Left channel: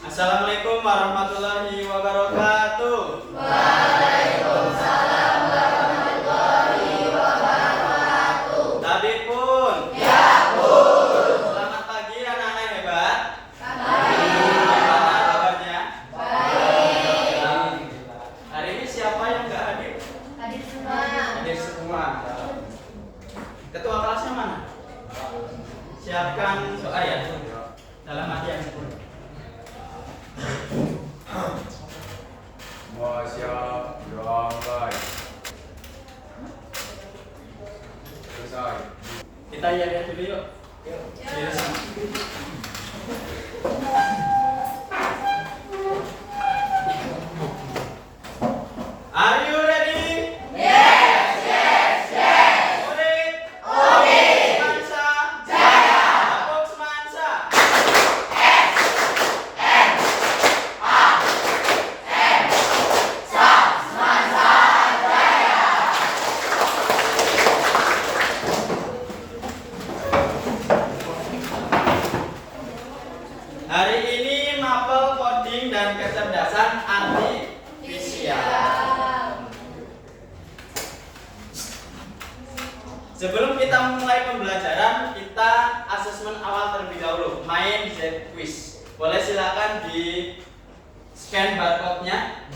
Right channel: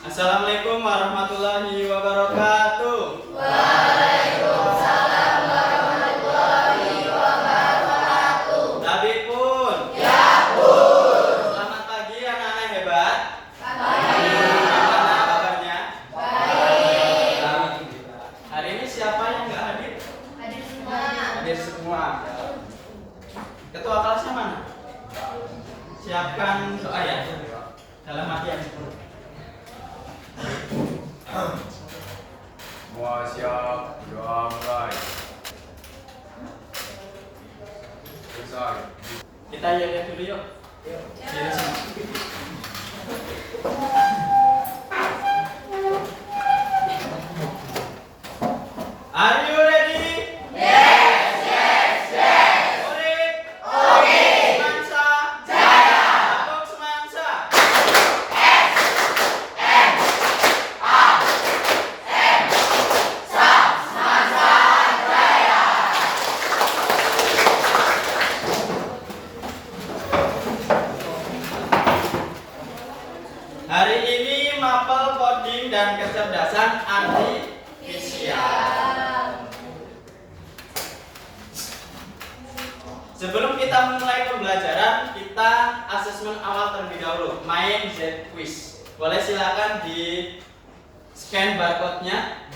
Assalamualaikum warahmatullahi wabarakatuh. Waalaikumsalam warahmatullahi wabarakatuh. Tabib pun. Ya pun. Selamat pagi anak-anak hebat. Pagi. Gimana kabarnya? Baik. Hari ini siapa yang nggak hadir? Hadir semuanya. Hadir semua. Ketua kelasnya mana? Siapkan doa ya. Dalam hati yang sepuluh. Semua siap, doa mulai. Selesai. Kita lihat dulu yuk. Diri sini. Are you ready? Murid? Semansa? Babuk semansa? Hari ini mapel coding dan kecerdasan artifisial. Sebelum kita memulai pembelajaran, kita asesmen awal terlebih dahulu, main Z quiz. Boleh silakan di scan barcode-nya.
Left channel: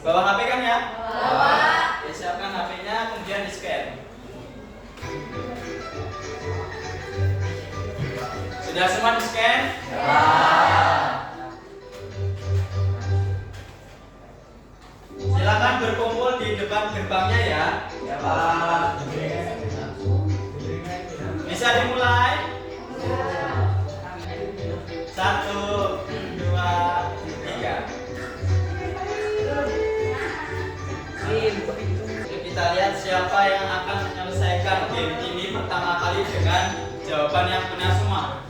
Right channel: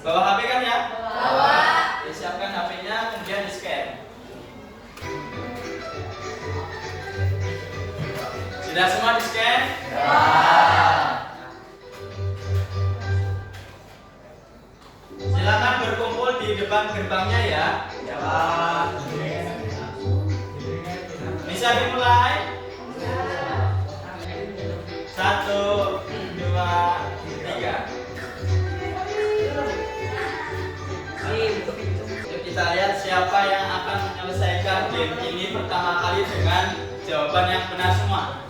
Bawa HP kan ya? Bawa. Ya, siapkan HP-nya, kemudian di scan. Sudah semua di scan? Silakan berkumpul di depan gerbangnya ya. Ya Pak. Bisa dimulai? 1, 2, 3. Yuk kita lihat siapa yang akan menyelesaikan game ini pertama kali dengan jawaban yang benar semua.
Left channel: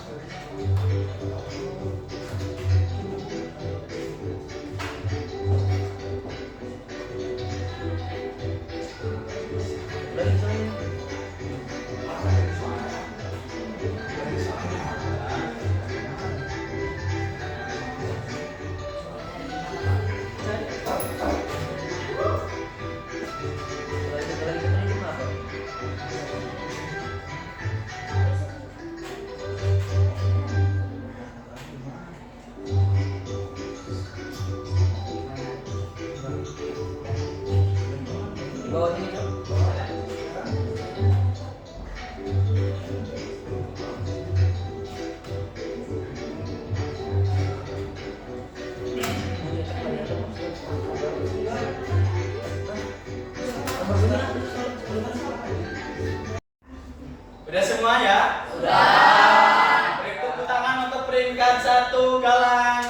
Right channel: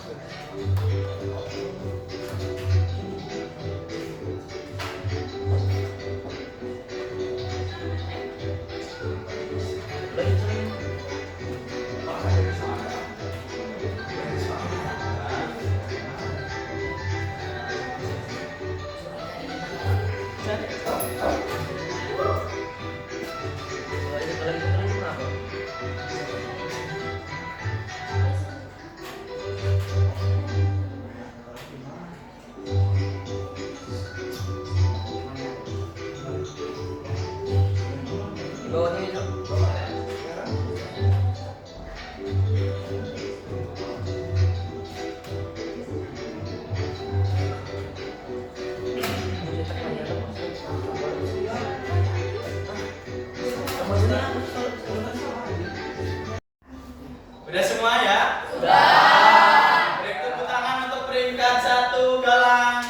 Udah semua ya? Sudah. Beri tepuk tangan untuk peringkat 1 Galang.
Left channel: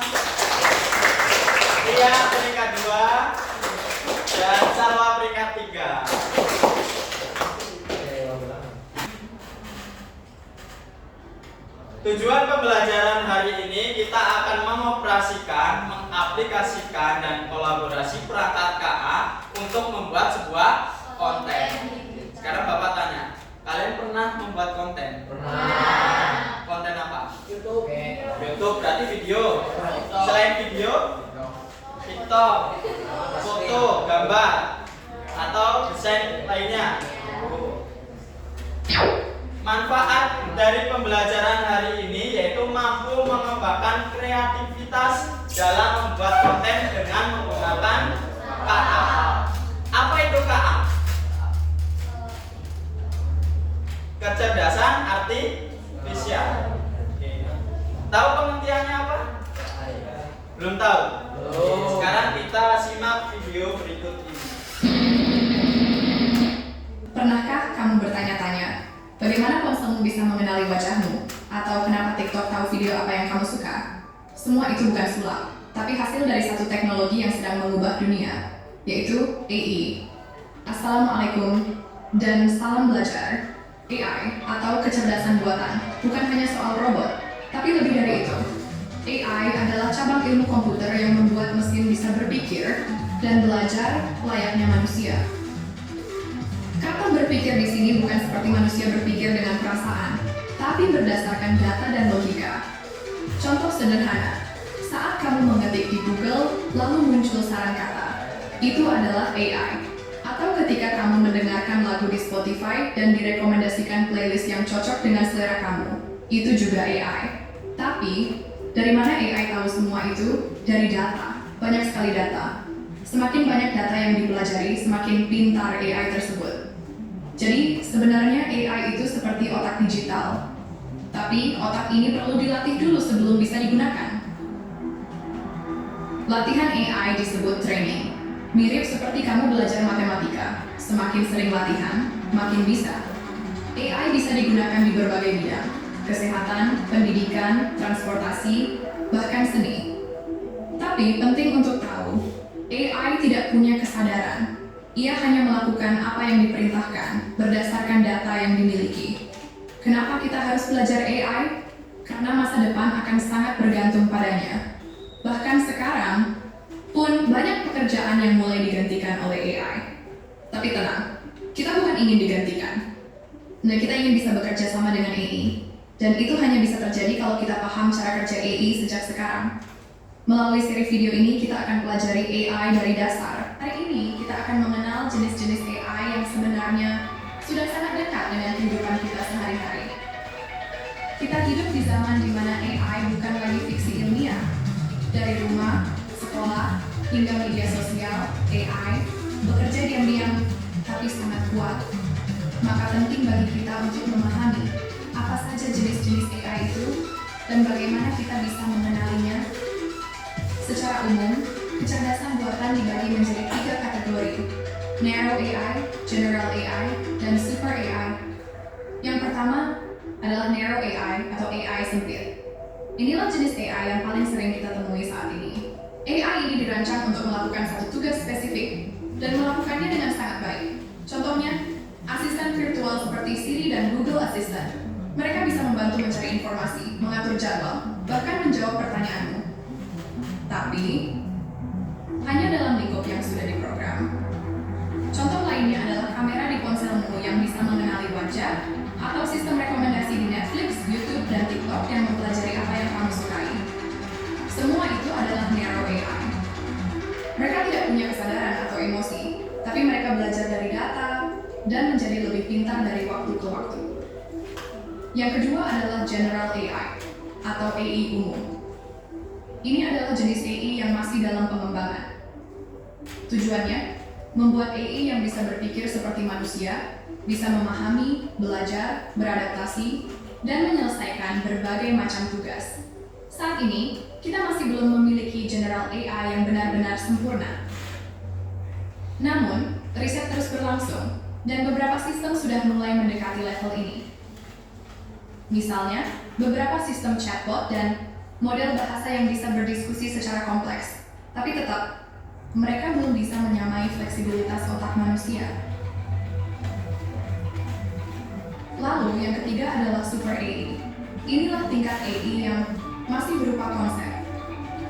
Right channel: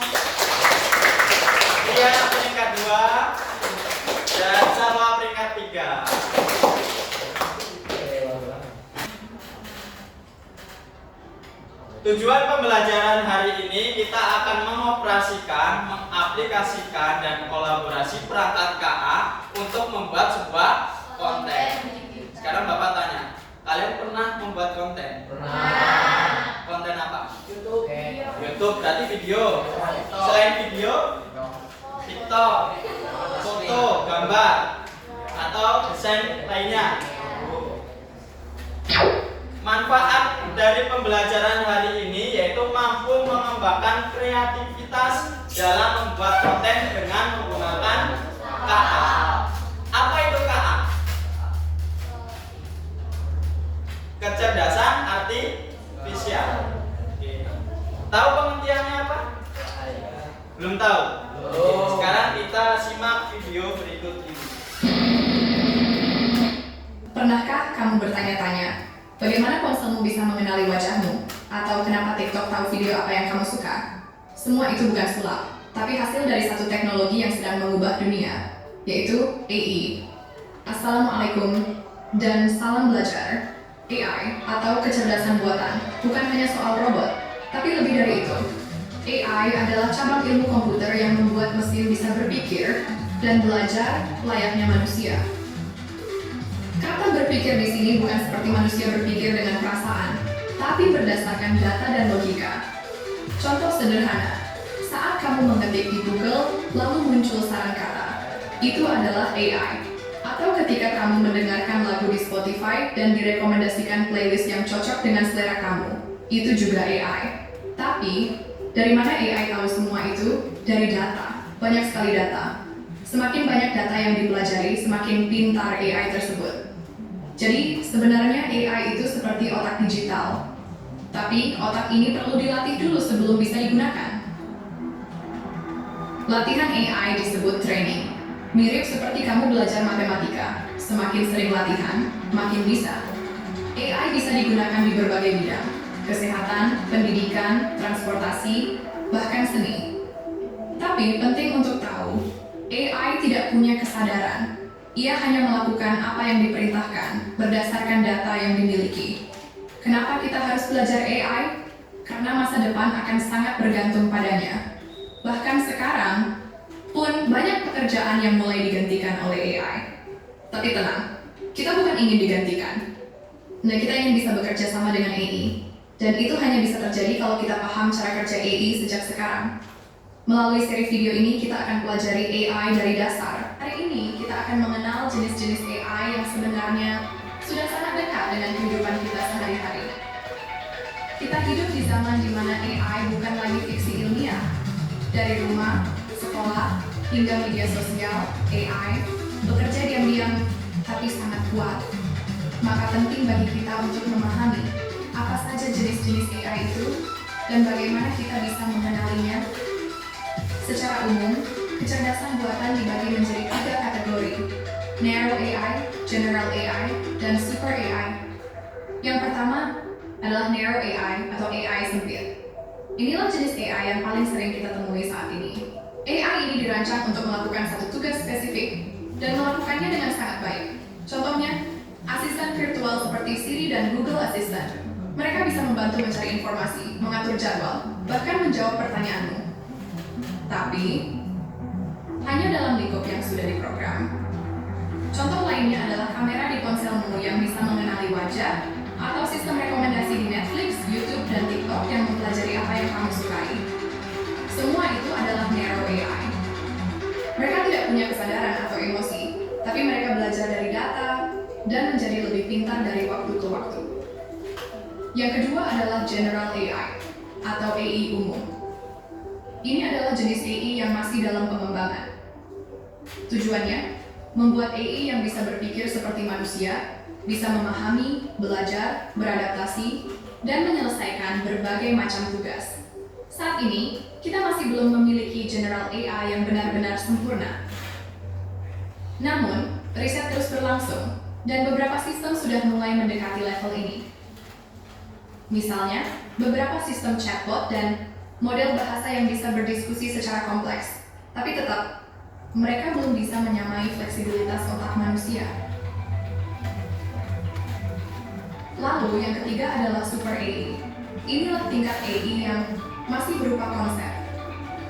Ria peringkat 2 dan Salwa peringkat 3. Tujuan pembelajaran hari ini kita akan mengoperasikan, mengaplikasikan dan kolaborasi perangkat KA untuk membuat sebuah konten. Sekarang Bapak tanya, kalian pernah membuat konten? Pernah. Konten apa? YouTube. YouTube berarti video. Selain video, TikTok, foto, gambar, atau desain lainnya. Manfaat dari pembelajaran hari ini yaitu mampu mengembangkan kreativitas dalam membuat konten dengan menggunakan KA. Apa itu KA? Kecerdasan artifisial. Oke. Tahu pengertiannya apa? Belum tahu? Sekarang kita simak video berikut ini. Pernahkah kamu bertanya-tanya, bagaimana ponselmu bisa mengenali wajahmu? Atau kenapa TikTok tahu video apa yang kamu suka? Semua itu bukan sulap, tapi hasil dari satu teknologi yang sedang mengubah dunia, yaitu AI. Assalamualaikum dan salam belajar. AI atau kecerdasan buatan bukan hanya soal robot, tapi lebih dari itu. AI adalah cabang ilmu komputer yang membuat mesin bisa berpikir dan belajar layaknya manusia. Kata berpikir di sini bukan seperti manusia berpikir dengan perasaan, tapi berdasarkan data dan logika. Contoh sederhana, saat Itu adalah AI. Atau ketika kamu mendengarkan lagu di Spotify dan direkomendasikan playlist yang cocok dengan selera kamu, itu juga AI. Tapi, dari mana AI tahu semua itu? Dari data. Banyak sekali data. Semakin banyak data yang dipelajari, semakin pintar AI tersebut. Jadi, sebenarnya AI itu seperti otak digital. Tapi, otak ini perlu dilatih dulu sebelum bisa digunakan. Latihan AI disebut training. Mirip seperti kamu belajar matematika. Semakin sering latihan, makin bisa. AI bisa digunakan di berbagai bidang. Kesehatan, pendidikan, transportasi, bahkan seni. Tapi penting untuk tahu, AI tidak punya kesadaran. Ia hanya melakukan apa yang diperintahkan berdasarkan data yang dimiliki. Kenapa kita harus belajar AI? Karena masa depan akan sangat bergantung padanya. Bahkan sekarang, pun banyak pekerjaan yang mulai digantikan oleh AI. Tapi tenang, kita bukan ingin digantikan. Nah, kita ingin bisa bekerja sama dengan AI. Dan itu hanya bisa terjadi kalau kita paham cara kerja AI sejak sekarang. Melalui seri video ini, kita akan pelajari AI dari dasar. Hari ini, kita akan mengenal jenis-jenis AI yang sebenarnya sudah sangat dekat dengan kehidupan kita sehari-hari. Kita hidup di zaman di mana AI bukan lagi fiksi ilmiah. Dari rumah, sekolah, hingga media sosial, AI bekerja diam-diam tapi sangat kuat. Maka penting bagi kita untuk memahami apa saja jenis-jenis AI itu dan bagaimana kita bisa mengenalinya. Secara umum, kecerdasan buatan dibagi menjadi 3 kategori: Narrow AI, General AI, dan Super AI. Yang pertama adalah Narrow AI atau AI sempit. Inilah jenis AI yang paling sering kita temui saat ini. AI ini dirancang untuk melakukan satu tugas spesifik dan melakukannya dengan sangat baik. Contohnya, asisten virtual seperti Siri dan Google Assistant. Mereka bisa membantu mencari informasi, mengatur jadwal, bahkan menjawab pertanyaanmu. Tapi, hanya dalam lingkup yang sudah diprogram. Contoh lainnya adalah kamera di ponselmu yang bisa mengenali wajah, atau sistem rekomendasi di Netflix, YouTube, dan TikTok yang mempelajari apa yang kamu sukai. Semua itu adalah narrow AI. Mereka tidak punya kesadaran atau emosi, tapi mereka belajar dari data dan menjadi lebih pintar dari waktu ke waktu. Yang kedua adalah General AI atau AI umum. Ini adalah jenis AI yang masih dalam pengembangan. Tujuannya, membuat AI yang bisa berpikir seperti manusia, bisa memahami, belajar, beradaptasi, dan menyelesaikan berbagai macam tugas. Saat ini, kita masih belum memiliki General AI yang benar-benar sempurna. Namun, riset terus berlangsung, dan beberapa sistem sudah mulai mendekati level ini. Misalnya, beberapa sistem chatbot dan model bahasa yang bisa berdiskusi secara kompleks, tapi tetap, mereka belum bisa menyamai fleksibilitas otak manusia. Lalu yang ketiga adalah Super AI. Inilah tingkat AI yang masih berupa konsep.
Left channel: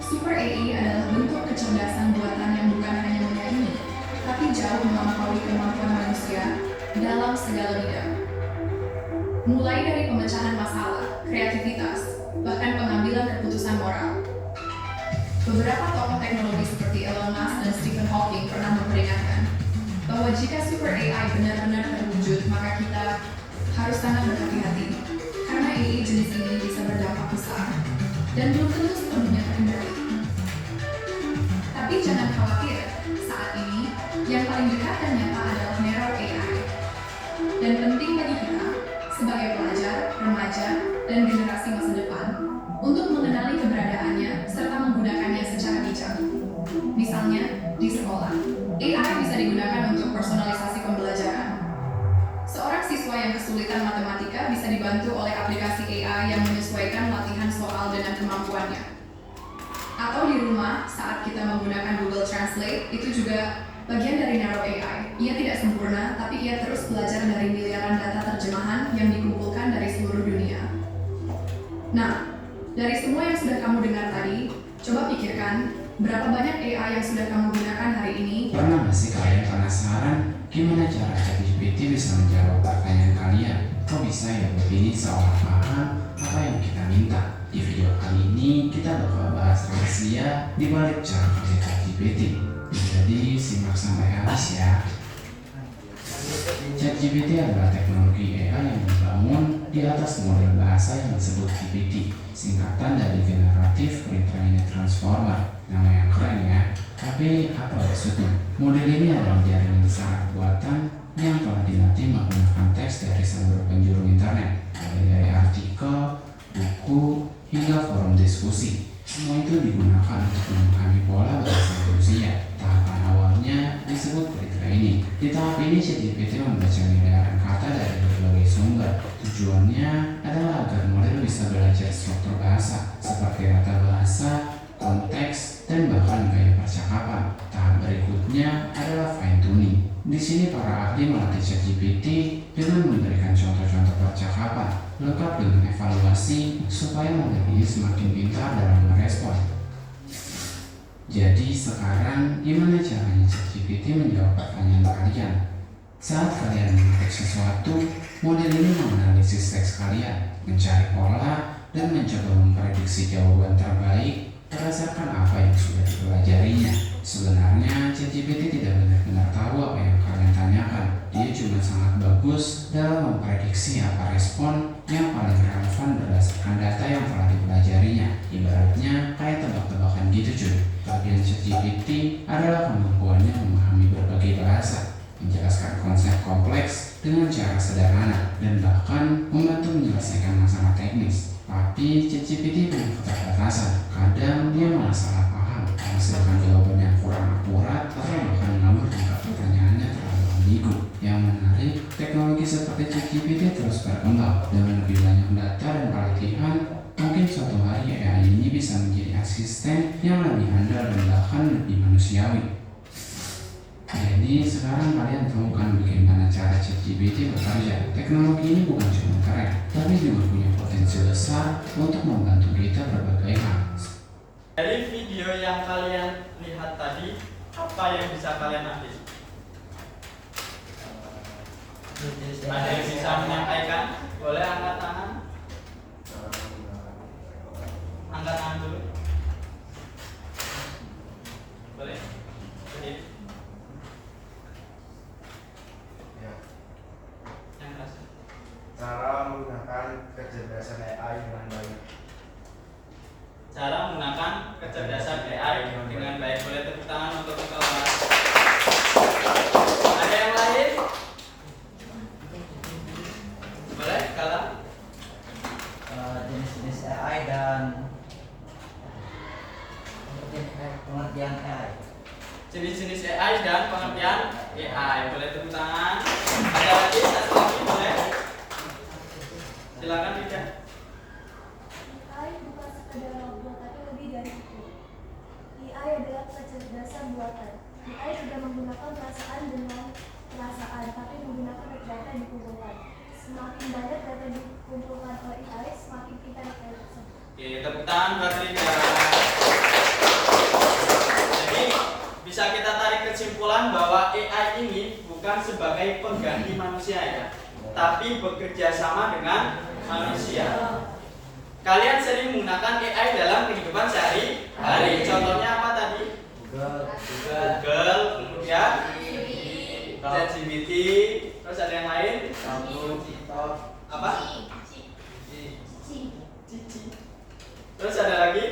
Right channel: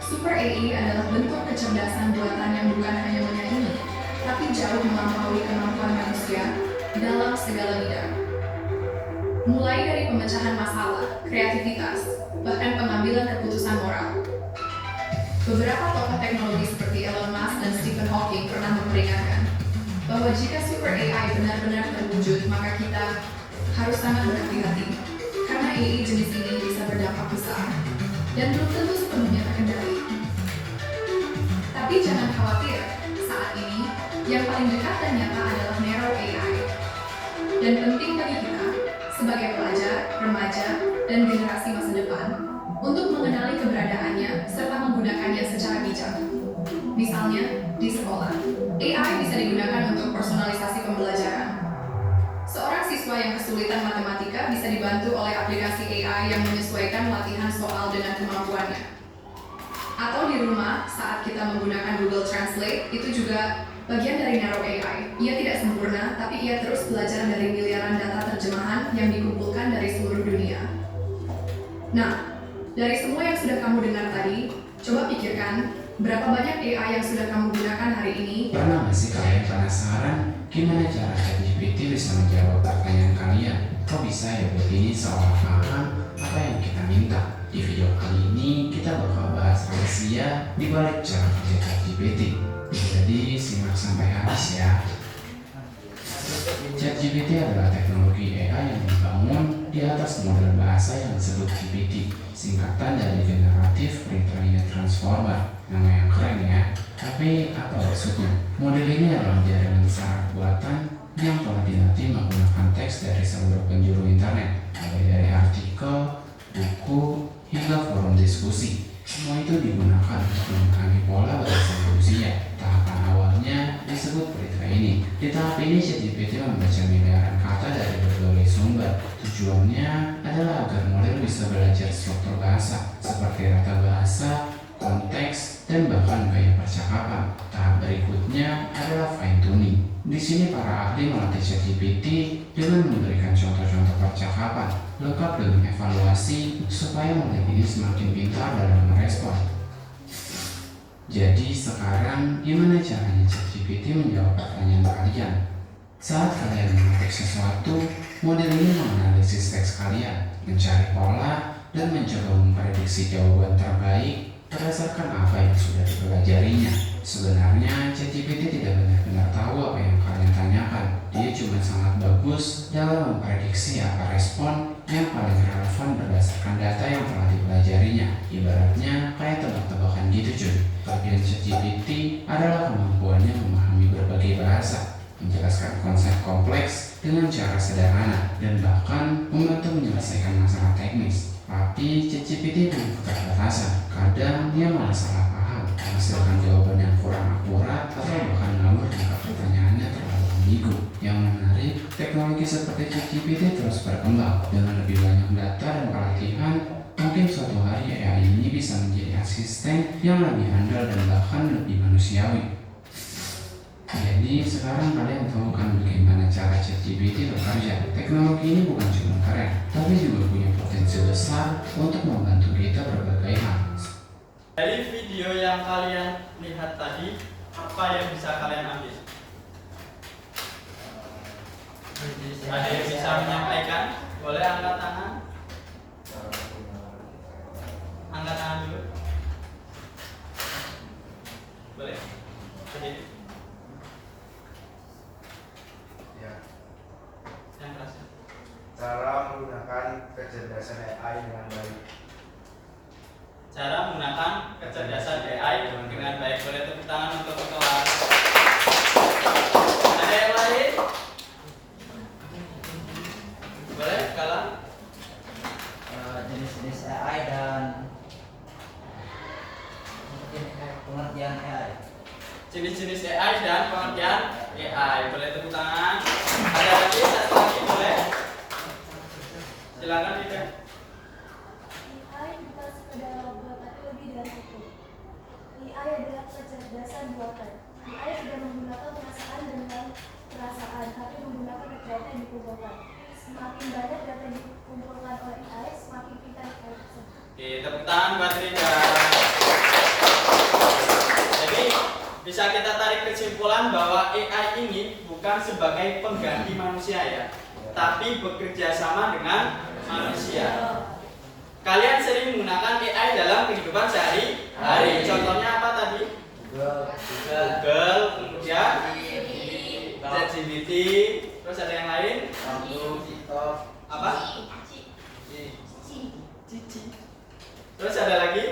Super AI adalah bentuk kecerdasan buatan yang bukan hanya menyaingi, tapi jauh melampaui kemampuan manusia dalam segala bidang. Mulai dari pemecahan masalah, kreativitas, bahkan pengambilan keputusan moral. Beberapa tokoh teknologi seperti Elon Musk dan Stephen Hawking pernah memperingatkan bahwa jika Super AI benar-benar terwujud, maka kita harus sangat berhati-hati, karena AI jenis ini bisa berdampak besar dan belum tentu sepenuhnya terkendali. Tapi jangan khawatir, saat ini yang paling dekat dan nyata adalah Narrow AI. Dan penting bagi kita, sebagai pelajar, remaja, dan generasi masa depan, untuk mengenali keberadaannya serta menggunakannya secara bijak. Misalnya, di sekolah, AI bisa digunakan untuk personalisasi pembelajaran. Seorang siswa yang kesulitan matematika bisa dibantu oleh aplikasi AI yang menyesuaikan latihan soal dengan kemampuannya. Atau di rumah, saat kita menggunakan Google Translate, itu juga bagian dari Narrow AI. Ia tidak sempurna, tapi ia terus belajar dari miliaran data terjemahan yang dikumpulkan dari seluruh dunia. Nah, dari semua yang sudah kamu dengar tadi, coba pikirkan berapa banyak AI yang sudah kamu gunakan hari ini. Pernah nggak sih kalian penasaran gimana cara ChatGPT bisa menjawab pertanyaan kalian? Kok bisa ya begini seolah paham apa yang kita minta? Di video kali ini kita bakal bahas rahasia rahasia di balik cara kerja ChatGPT. Jadi simak sampai habis ya. ChatGPT adalah teknologi AI yang dibangun di atas model bahasa yang disebut GPT, singkatan dari Generative Pre-trained Transformer. Nama yang keren ya. Tapi apa maksudnya? Model ini adalah jaringan saraf buatan yang telah dilatih menggunakan teks dari seluruh penjuru internet, mulai dari artikel, buku, hingga forum diskusi. Semua itu digunakan untuk memahami pola bahasa manusia. Tahapan awalnya disebut pre-training. Di tahap ini ChatGPT membaca miliaran kata dari berbagai sumber. Tujuannya adalah agar model bisa belajar struktur bahasa seperti rata bahasa, konteks, dan bahkan gaya percakapan. Tahap berikutnya adalah fine tuning. Di sini para ahli melatih ChatGPT dengan memberikan contoh-contoh percakapan lengkap dengan evaluasi supaya model ini semakin pintar dalam merespon. Jadi sekarang gimana caranya ChatGPT menjawab pertanyaan kalian? Saat kalian mengetik sesuatu, model ini menganalisis teks kalian, mencari pola, dan mencoba memprediksi jawaban terbaik berdasarkan apa yang sudah dipelajarinya. Sebenarnya ChatGPT tidak benar-benar tahu apa yang kalian tanyakan. Dia cuma sangat bagus dalam memprediksi apa respon yang paling relevan berdasarkan data yang telah dipelajarinya. Ibaratnya kayak tebak-tebakan gitu cuy. Bagian ChatGPT adalah kemampuannya memahami berbagai bahasa, menjelaskan konsep kompleks dengan cara sederhana, dan bahkan membantu menyelesaikan masalah teknis. Tapi ChatGPT punya keterbatasan. Kadang dia malah salah paham, menghasilkan jawaban yang kurang akurat, atau bahkan ngawur jika pertanyaannya terlalu ambigu. Yang menarik, teknologi seperti ChatGPT terus berkembang. Dengan lebih banyak data dan pelatihan, mungkin suatu hari AI ini bisa menjadi asisten yang lebih handal dan bahkan lebih manusiawi. Jadi sekarang kalian tahu kan bagaimana cara ChatGPT bekerja. Teknologi ini bukan cuma keren, tapi juga punya potensi besar untuk membantu kita berbagai hal. Dari video yang kalian lihat tadi, apa yang bisa kalian ambil? Ada yang bisa menyampaikan? Boleh angkat tangan? Angkat tangan dulu. Boleh? Berdiri. Ya. Yang keras. Cara menggunakan kecerdasan AI dengan baik. Cara menggunakan kecerdasan AI dengan baik. Boleh tepuk tangan untuk kelas. Ada yang lain? Boleh, Kala? Jenis-jenis AI dan pengertian AI. Jenis-jenis AI dan pengertian AI. Boleh tepuk tangan. Ada lagi? Satu lagi boleh? Silakan tidak. AI bukan sekedar robot tapi lebih dari itu. AI adalah kecerdasan buatan. AI tidak menggunakan perasaan dengan perasaan, tapi menggunakan data yang dikumpulkan. Semakin banyak data yang dikumpulkan oleh AI, semakin pintar AI tersebut. Oke, tepuk tangan buat Rika. Jadi bisa kita tarik kesimpulan bahwa AI ini bukan sebagai pengganti manusia ya, tapi bekerja sama dengan manusia. Kalian sering menggunakan AI dalam kehidupan sehari-hari. Contohnya apa tadi? Google, kemudian ChatGPT, terus ada yang lain? Apa? Cici. Terus ada lagi?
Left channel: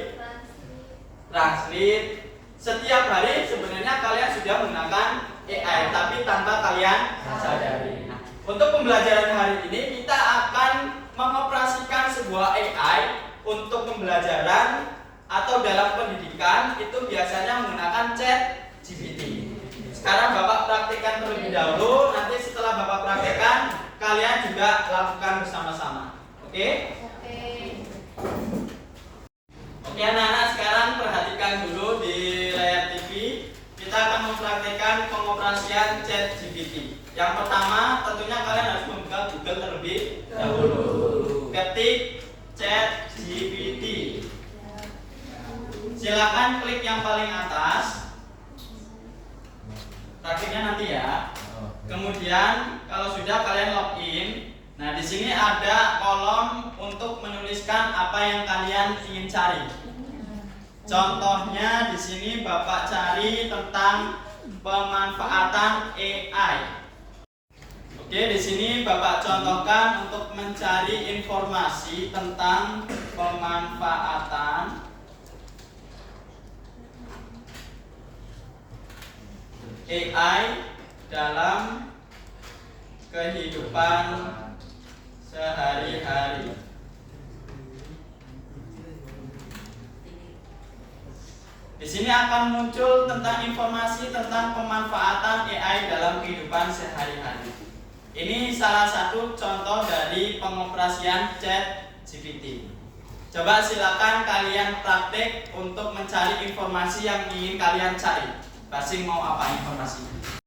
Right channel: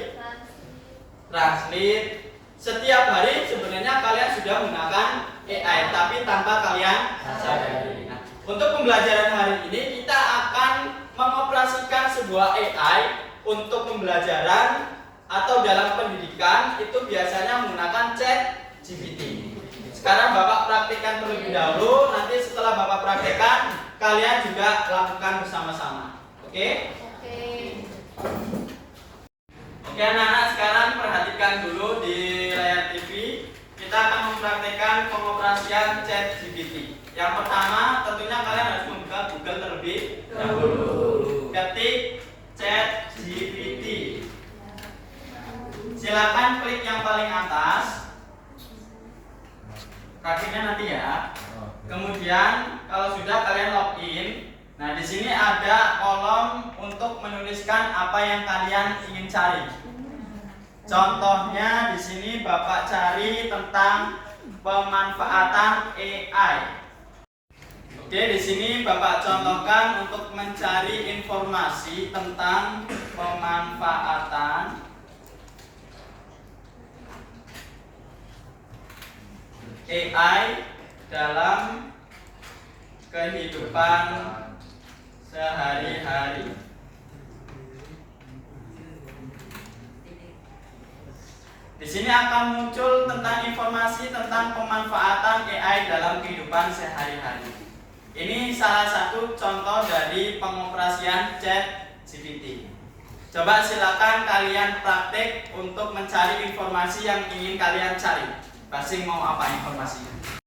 Translate. Setiap hari sebenarnya kalian sudah menggunakan AI, tapi tanpa kalian sadari. Nah, untuk pembelajaran hari ini kita akan mengoperasikan sebuah AI untuk pembelajaran atau dalam pendidikan itu biasanya menggunakan ChatGPT. Sekarang Bapak praktikkan terlebih dahulu, nanti setelah Bapak praktekkan kalian juga lakukan bersama-sama. Oke? Oke anak-anak, sekarang perhatikan dulu di layar TV. Kita akan mempraktekkan pengoperasian ChatGPT. Yang pertama, tentunya kalian harus membuka Google terlebih dahulu. Ketik ChatGPT. Silakan klik yang paling atas. Praktiknya nanti ya. Kemudian kalau sudah kalian login. Nah, di sini ada kolom untuk menuliskan apa yang kalian ingin cari. Contohnya di sini Bapak cari tentang pemanfaatan AI. Oke, di sini Bapak contohkan untuk mencari informasi tentang pemanfaatan AI dalam kehidupan sehari-hari. Di sini akan muncul tentang informasi tentang pemanfaatan AI dalam kehidupan sehari-hari. Ini salah satu contoh dari pengoperasian ChatGPT. Coba silakan kalian praktek untuk mencari informasi yang ingin kalian cari. Pasti mau apa informasinya?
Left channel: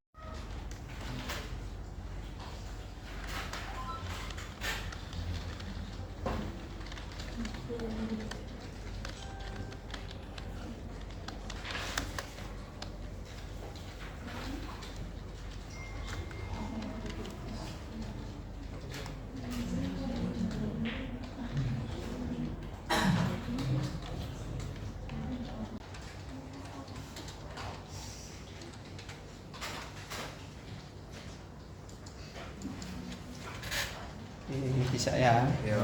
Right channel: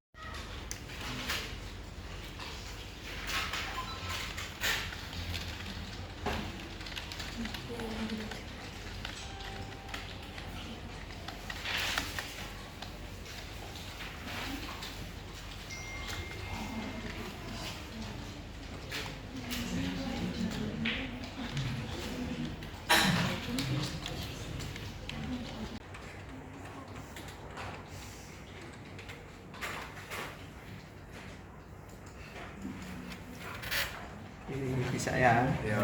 Ini bisa ya. Ya.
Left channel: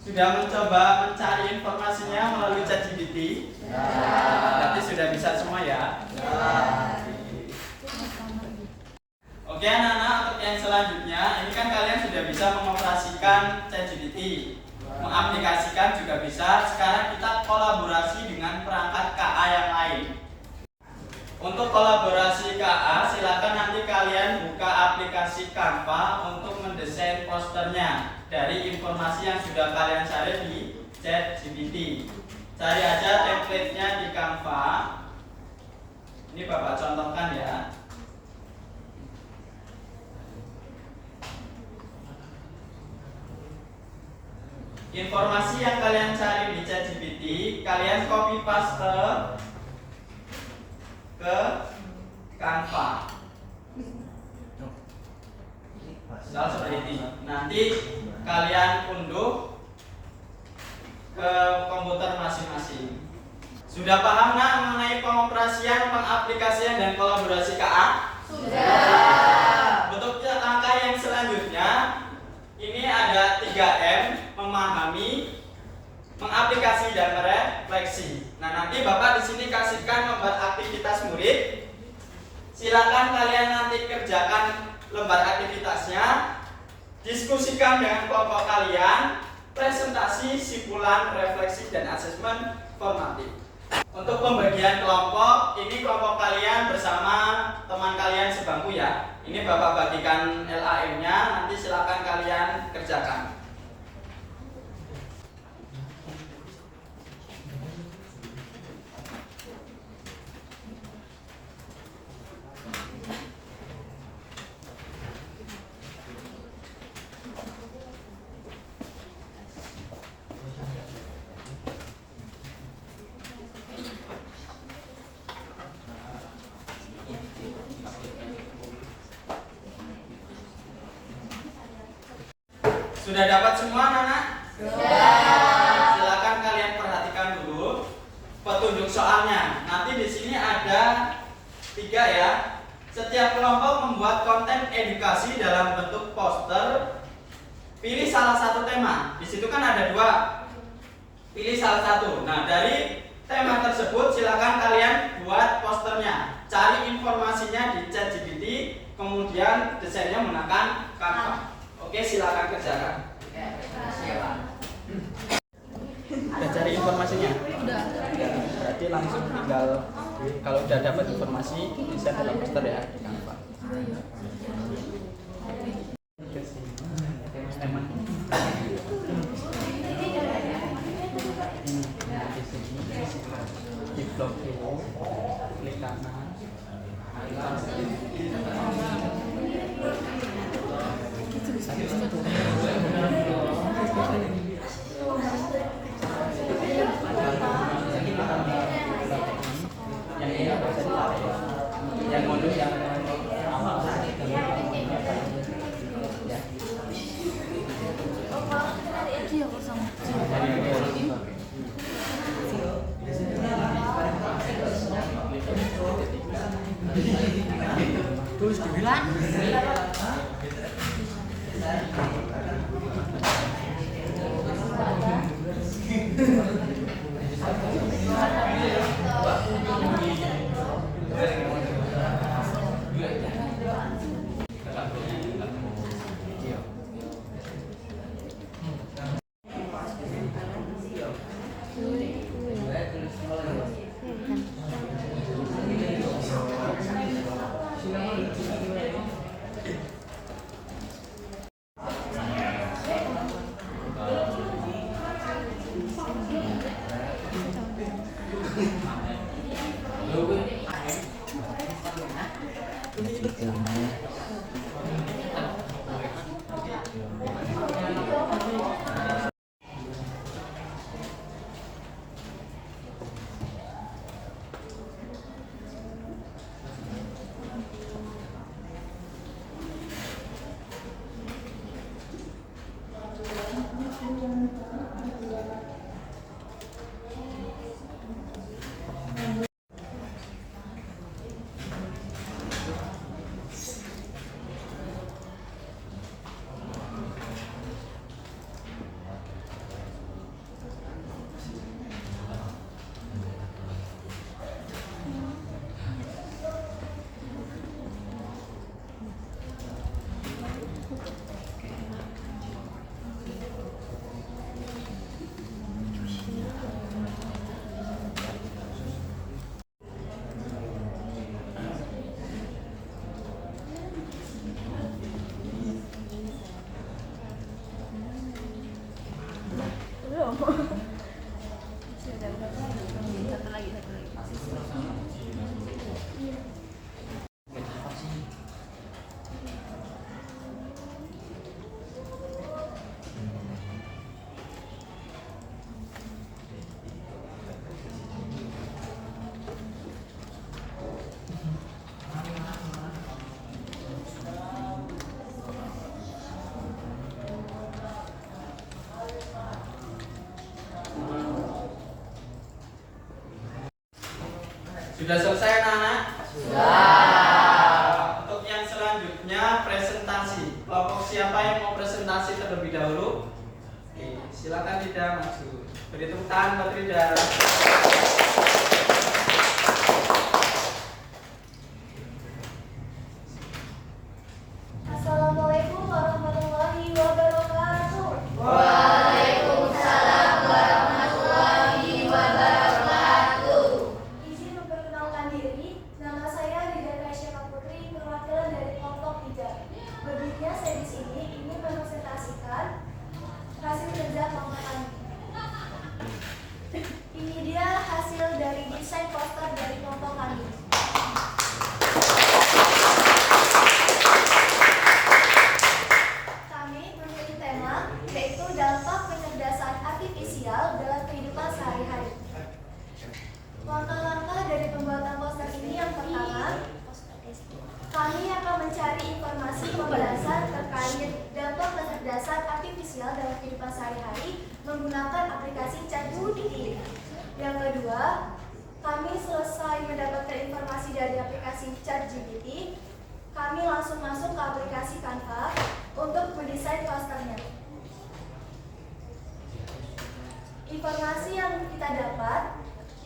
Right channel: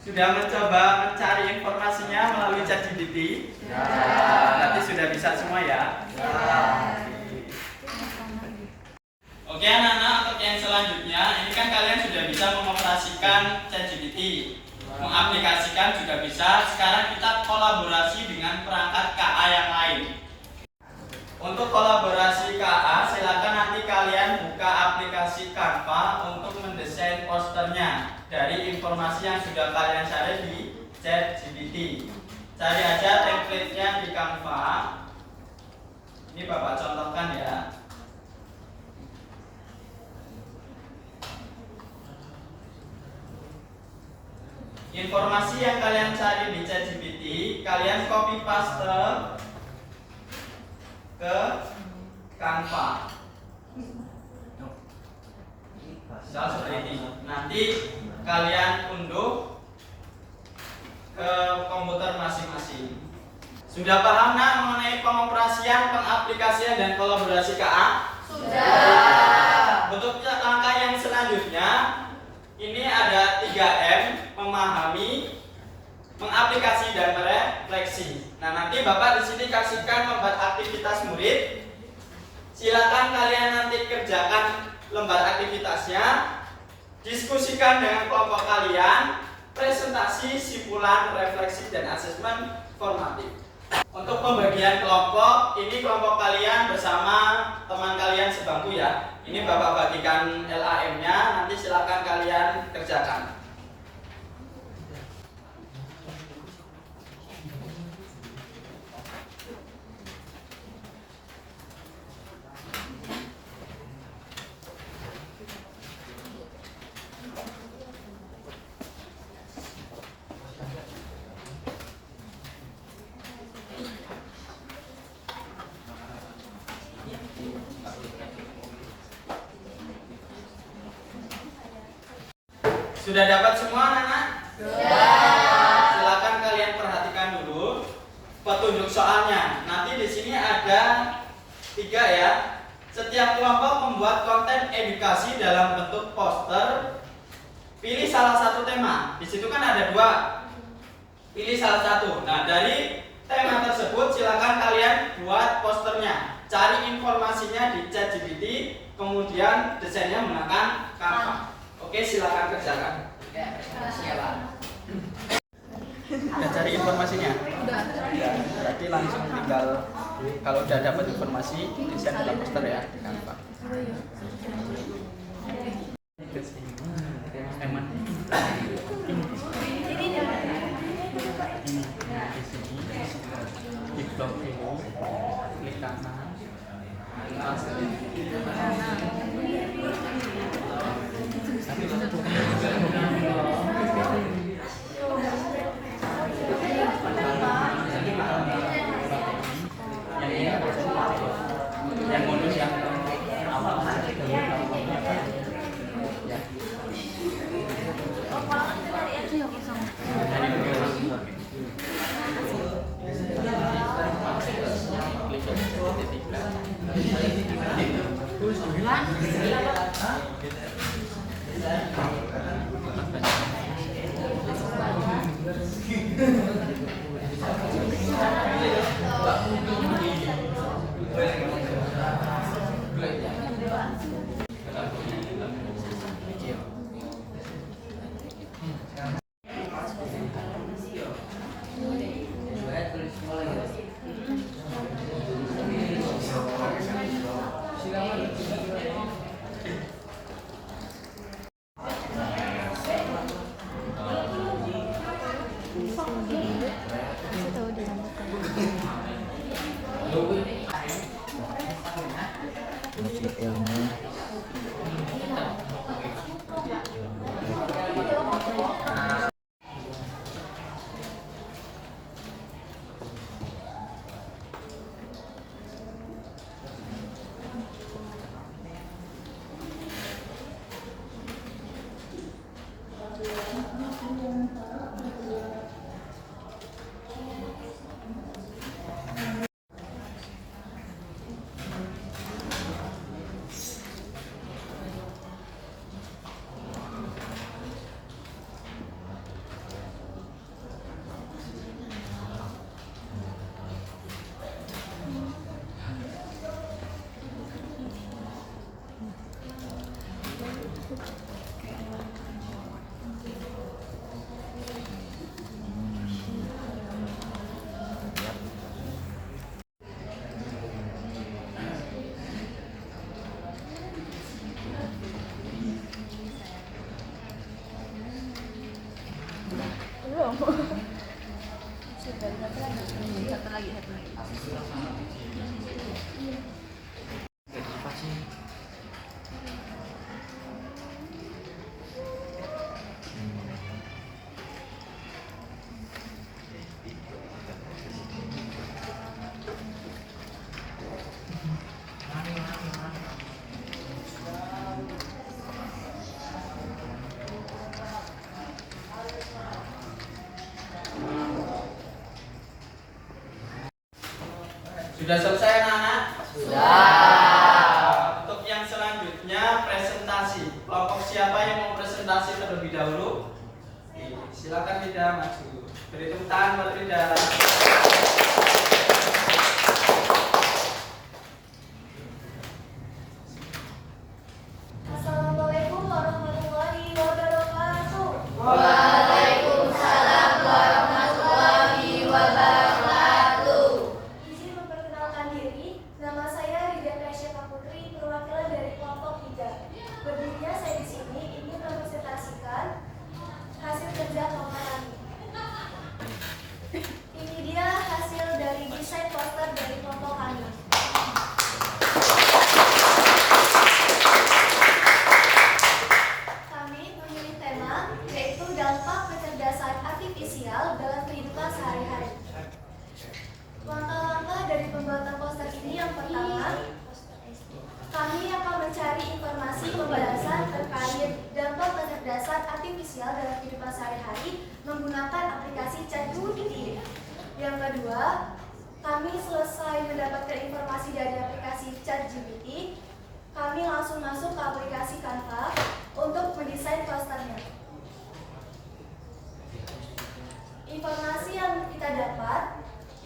Sudah mencoba mencari informasinya melalui ChatGPT? Ya. Berarti sudah bisa semua ya? Ya. Oke anak-anak, untuk yang selanjutnya, ini kan kalian sudah bisa mengoperasikan ChatGPT, mengaplikasikan juga bisa. Sekarang kita kolaborasi dengan perangkat KA yang lain. Untuk kolaborasi KA, silakan nanti kalian buka aplikasi Canva untuk mendesain posternya dari informasi yang sudah kalian cari di ChatGPT. Cari aja template-nya di Canva. Ini Bapak contohkan ya. Informasi yang kalian cari di ChatGPT, kalian copy paste ke Canva. Misal seperti ini. Nanti kalian unduh ke komputer masing-masing. Sudah paham nak mengenai pengoperasian, pengaplikasian dan kolaborasi KA? Sudah. Untuk langkah yang selanjutnya, ini ada 3M, memahami, mengaplikasi dan merefleksi. Nah, nanti Bapak di sini kasihkan lembar aktivitas murid. Silakan kalian nanti kerjakan lembar aktivitasnya, diskusikan dengan kelompok kalian, presentasi, simpulan, refleksi dan asesmen formatif. Untuk pembagian kelompok, ini kelompok kalian bersama teman kalian sebangku ya. Ini Bapak bagikan LAM-nya, nanti silakan kalian kerjakan. Sudah dapat semua anak-anak? Sudah. Silakan kalian perhatikan dulu petunjuk soalnya. Nanti di sini ada 3 ya. Setiap kelompok membuat konten edukasi dalam bentuk poster. Pilih salah satu tema. Di situ kan ada 2. Pilih salah satu. Nah, dari tema tersebut silakan kalian buat posternya. Cari informasinya di ChatGPT, kemudian desainnya menggunakan Canva. Oke, silakan kerjakan. Udah cari informasinya? Udah. Berarti langsung tinggal kalau udah dapat informasi desain dalam poster ya di Canva. Di blok ini, klik kanan. Yang modus yang awal Sudah selesai anak-anak? Sudah. Untuk yang selanjutnya presentasi. Kelompok siapa yang mau presentasi terlebih dahulu? Oke, silakan Rida maju. Beri tepuk tangan buat Rida. Assalamualaikum warahmatullahi wabarakatuh. Izin memperkenalkan diri, nama saya Rida Tresya Putri, perwakilan dari kelompok 3. Berdirinya saya di sini ingin mempresentasikan hasil kerja kelompok kami. Ini dia hasil dari desain poster dari kelompok kami. Kami memilih tema yaitu dampak kecerdasan artifisial dalam kehidupan sehari-hari. Langkah-langkah dari pembuatan poster ini yang pertama, kami akan mencari informasi pembahasan terkait dampak kecerdasan artifisial dalam kehidupan sehari-hari menggunakan aplikasi ChatGPT. Yang kedua, kami selesai mendapatkan informasi dari aplikasi ChatGPT, kami langsung masuk ke aplikasi Canva untuk mendesain posternya. Informasi yang kita dapat,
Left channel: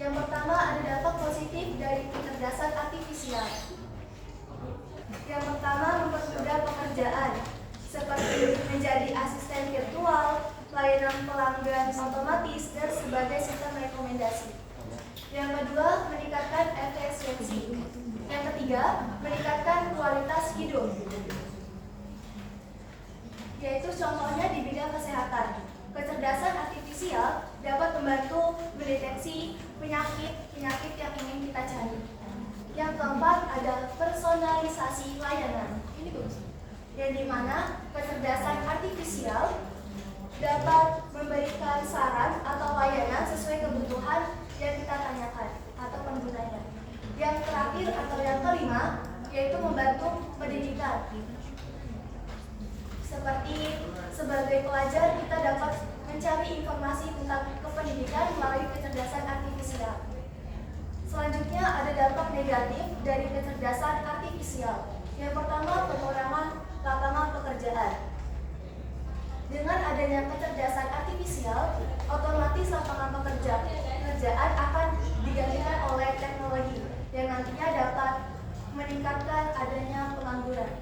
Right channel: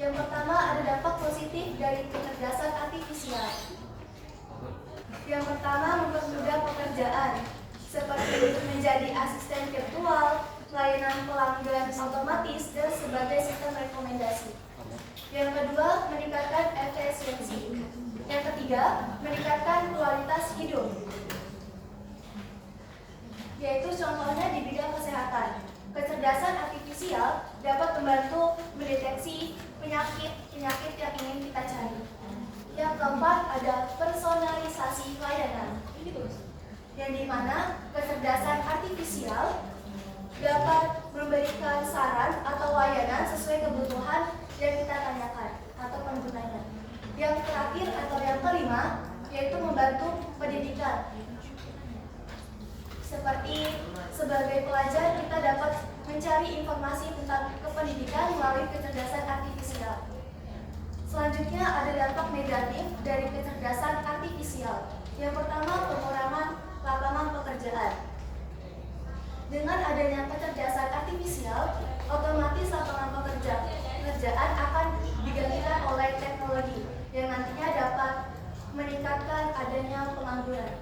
yang pertama ada dampak positif dari kecerdasan artifisial. Yang pertama mempermudah pekerjaan, seperti menjadi asisten virtual, layanan pelanggan otomatis, dan sebagai sistem rekomendasi. Yang kedua, meningkatkan efisiensi. Yang ketiga, meningkatkan kualitas hidup. Yaitu contohnya di bidang kesehatan. Kecerdasan artifisial dapat membantu mendeteksi penyakit yang ingin kita cari. Yang keempat ada personalisasi layanan. Yang dimana kecerdasan artifisial dapat memberikan saran atau layanan sesuai kebutuhan yang kita tanyakan atau penggunanya. Yang terakhir atau yang kelima yaitu membantu pendidikan. Seperti sebagai pelajar kita dapat mencari informasi tentang kependidikan melalui kecerdasan artifisial. Selanjutnya ada dampak negatif dari kecerdasan artifisial. Yang pertama, pengurangan lapangan pekerjaan. Dengan adanya kecerdasan artifisial, otomatis lapangan pekerjaan akan digantikan oleh teknologi yang nantinya dapat meningkatkan adanya pengangguran.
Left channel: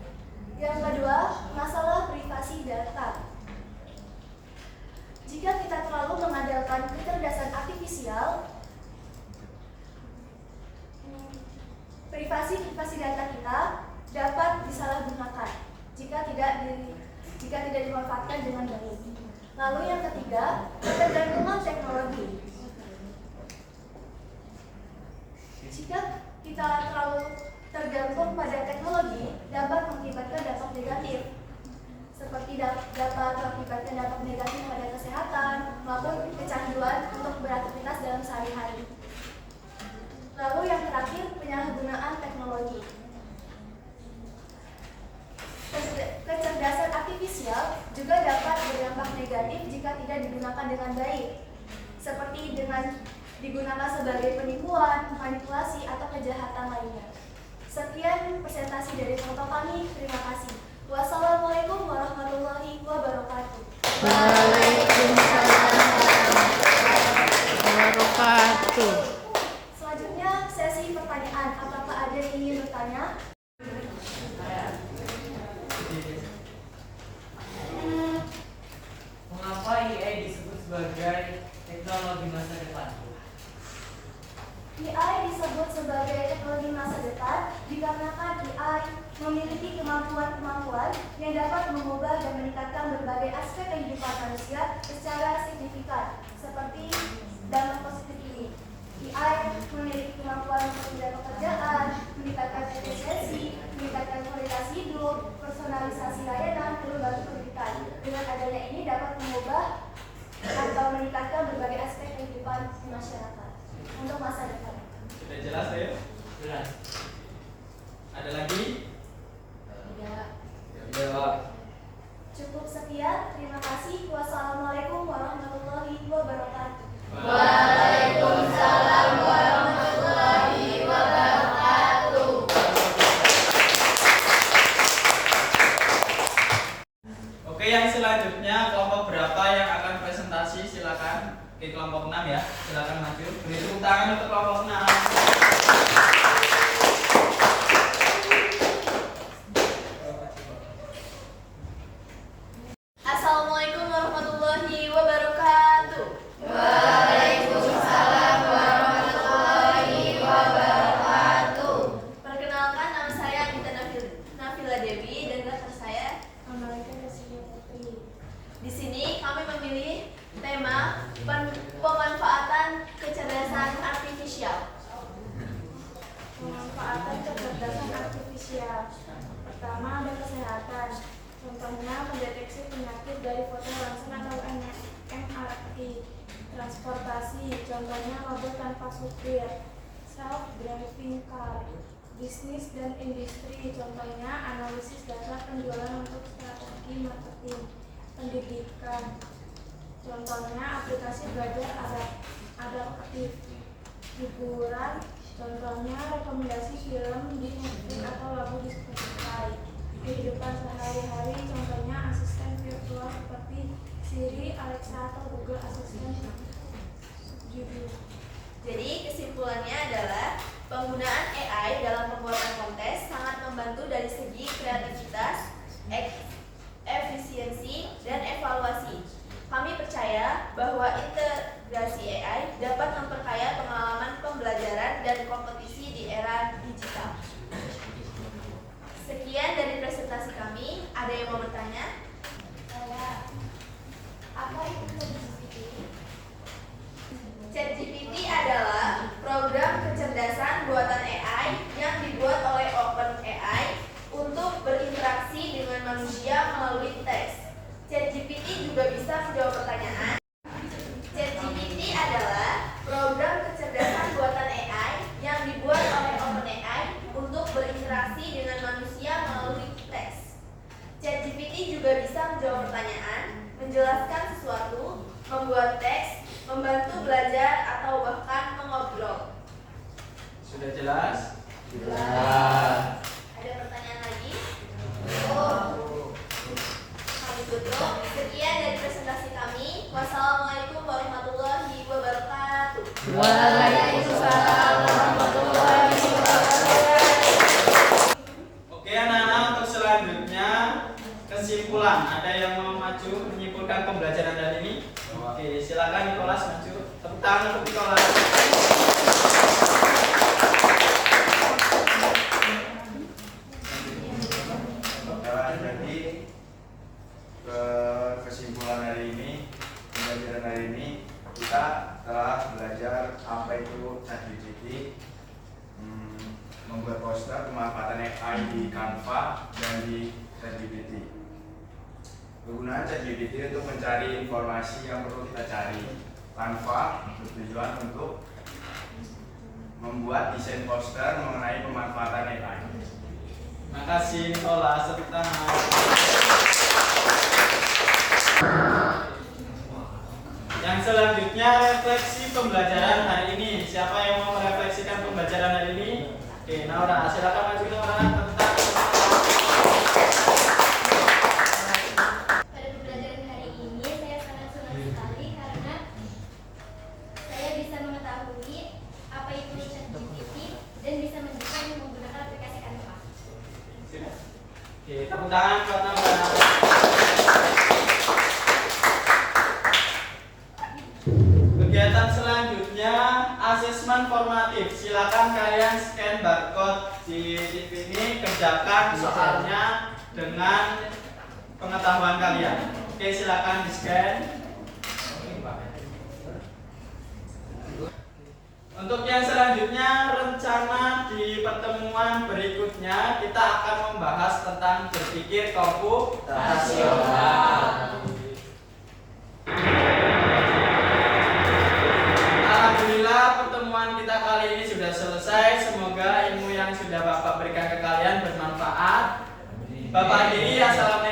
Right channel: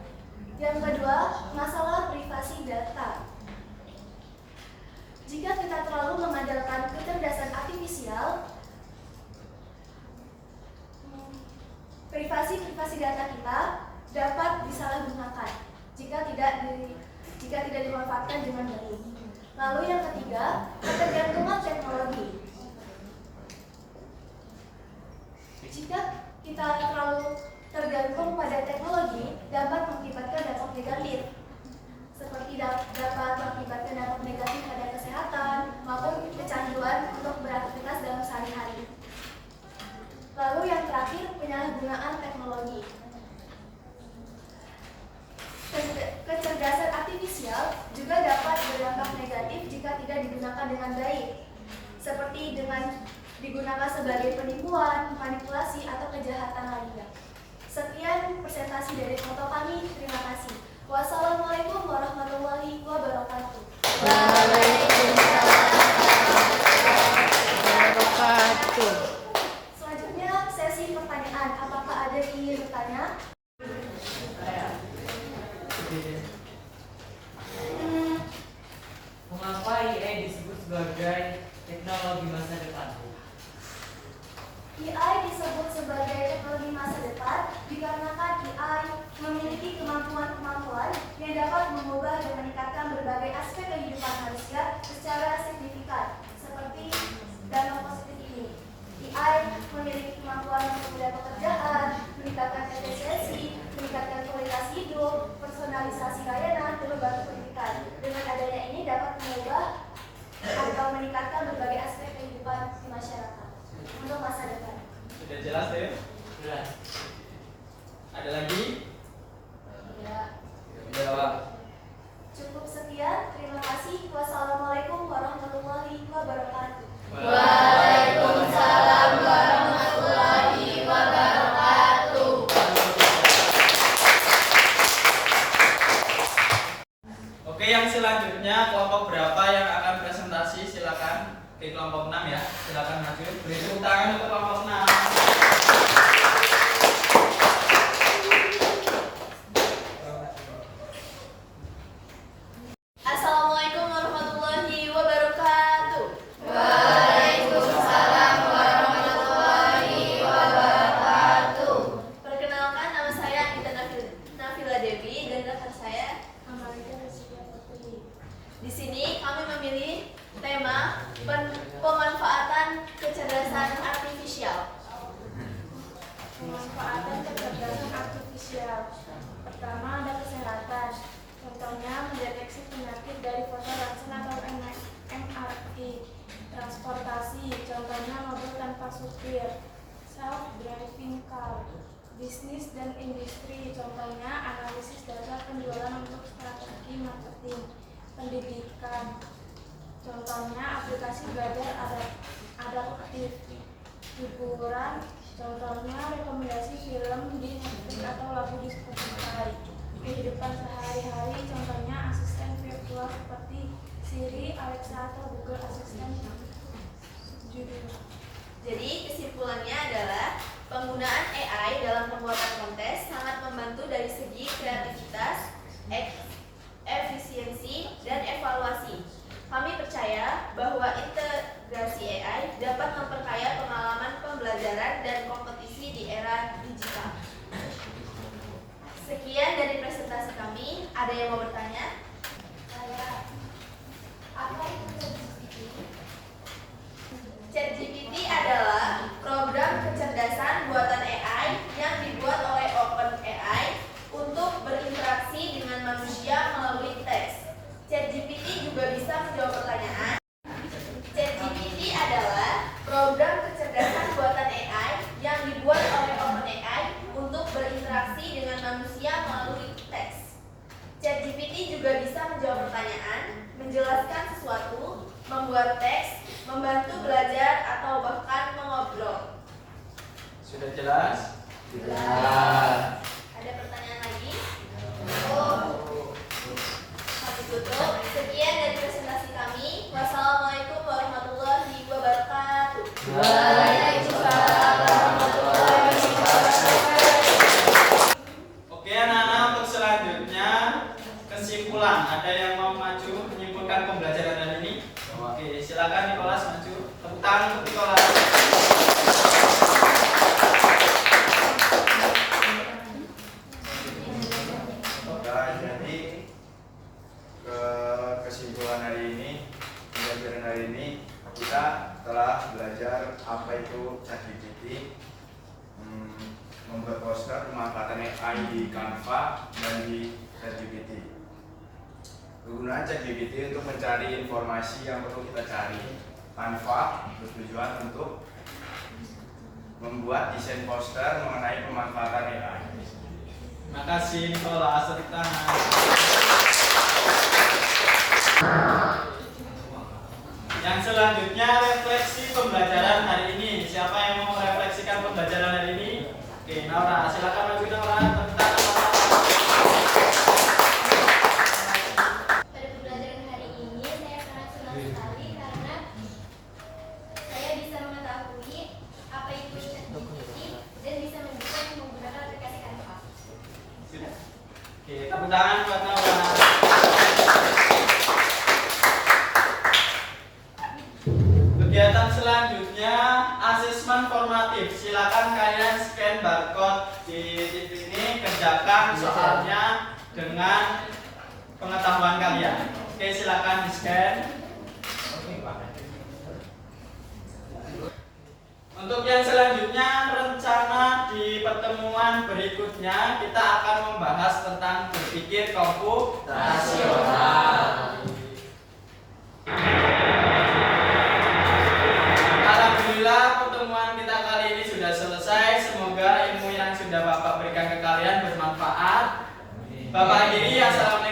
Yang kedua, masalah privasi data. Jika kita terlalu mengandalkan kecerdasan artifisial, privasi data kita dapat disalahgunakan jika tidak dimanfaatkan dengan baik. Lalu yang ketiga, ketergantungan teknologi. Jika kita terlalu tergantung pada teknologi, dapat mengakibatkan dampak negatif, seperti dapat mengakibatkan dampak negatif pada kesehatan maupun kecanduan untuk beraktivitas dalam sehari-hari. Lalu yang terakhir, penyalahgunaan teknologi. Kecerdasan artifisial juga dapat berdampak negatif jika tidak digunakan dengan baik, seperti dengan digunakan sebagai penipuan, manipulasi, atau kejahatan lainnya. Sekian presentasi dari foto kami. Terima kasih. Wassalamualaikum warahmatullahi wabarakatuh. Selanjutnya sesi pertanyaan. Apakah ada yang ingin bertanya? Mengapa AI disebut sebagai teknologi masa depan? AI disebut sebagai teknologi masa depan dikarenakan AI memiliki kemampuan-kemampuan yang dapat mengubah dan meningkatkan berbagai aspek kehidupan manusia secara signifikan, seperti dampak positif ini. AI memiliki kemampuan untuk memudahkan pekerjaan, meningkatkan efisiensi, meningkatkan kualitas hidup, personalisasi layanan, lembaga pendidikan. Dengan adanya ini dapat mengubah atau meningkatkan berbagai aspek kehidupan masyarakat untuk masa depan. Sudah jelas ya? Jelas. Ada lagi? Ya. Jawab. Cukup sekian. Terima kasih. Wassalamualaikum warahmatullahi wabarakatuh. Waalaikumsalam warahmatullahi wabarakatuh. Oke, yang selanjutnya kelompok berapa yang akan presentasi? Silakan. Oke, kelompok 6 ya. Silakan maju. Beri tepuk tangan untuk kelompok 6. Assalamualaikum warahmatullahi wabarakatuh. Waalaikumsalam warahmatullahi wabarakatuh. Perkenalkan, nama saya Anita Nafila Dewi dan dokter saya Amalika Rasidia Putri. Di sini kami memilih tema pemanfaatan kecerdasan artifisial. Pemanfaatan kecerdasan artifisial. Pertama, ada kesehatan. Contohnya mendeteksi penyakit dari foto ronsen atau MRI. Transportasi, contohnya mobil tanpa supir. Self-driving car. Bisnis dan industri, contohnya analisis data penjualan untuk strategi marketing. Pendidikan, contohnya aplikasi belajar adaptif. Hiburan, contohnya rekomendasi film di Netflix atau lagu di Spotify. Kehidupan sehari-hari, contohnya asisten virtual seperti Siri, Alexa, atau Google Assistant. Jadi kesimpulannya adalah penggunaan AI dalam pembuatan konten sangat membantu dari segi kreativitas, efisiensi, dan evaluasi. Kami percaya bahwa integrasi AI dapat memperkaya pengalaman pembelajaran dan kompetisi di era digital. Sekian dari presentasi kami. Ada yang mau bertanya? Apa itu ChatGPT? ChatGPT adalah program kecerdasan buatan AI yang dibuat oleh OpenAI untuk berinteraksi dengan manusia melalui teks. ChatGPT juga bisa menjawab pertanyaan. ChatGPT adalah program kecerdasan buatan AI yang dibuat oleh OpenAI untuk berinteraksi dengan manusia melalui teks. ChatGPT juga bisa menjawab pertanyaan, menjelaskan sesuatu, membuat teks, membantu belajar, atau bahkan mengobrol. Sudah jelas? Jelas. Ada pertanyaan lagi? ditutup. Sekian dari presentasi kami. Wassalamualaikum warahmatullahi wabarakatuh. Waalaikumsalam warahmatullahi wabarakatuh. Oke anak-anak, untuk selanjutnya kesimpulan. Ada yang mau maju menyimpulkan pembelajaran hari ini? Oke, silakan Nicholas maju. Tepuk tangan untuk Nicholas. Jadi kesimpulan hari ini, pembelajaran hari ini kita telah belajar apa itu ChatGPT, membuat poster, pemanfaatan AI di Canva dan di ChatGPT. Kegunaan ChatGPT untuk mencari informasi yang perlu kita cari. Canva bertujuan untuk membuat desain poster mengenai pemanfaatan AI. Makasih Nicholas, tepuk tangan. Yang selanjutnya refleksi pembelajaran hari ini. Siapa yang mau merefleksikan pembelajaran hari ini? Oke, Naura, silakan maju Naura. Tepuk tangan. Pada pembelajaran hari ini saya sangat senang sekali karena saya bisa mengetahui apa itu ChatGPT dan bisa mendesain menggunakan aplikasi Canva. Oke, tepuk tangan buat Naura. Kegiatan selanjutnya asesmen formatif. Silakan kalian scan barcode di TV ini, kerjakan soalnya dengan pengetahuan kalian. Oke, silakan di scan. Untuk yang selanjutnya, rencana di pertemuan berikutnya kita akan membahas tentang berpikir komputasional. Alhamdulillah, pertemuan kita kali ini sudah selesai. Semoga ilmu yang sudah Bapak berikan ke kalian bermanfaat. Bapak akhiri, assalamualaikum.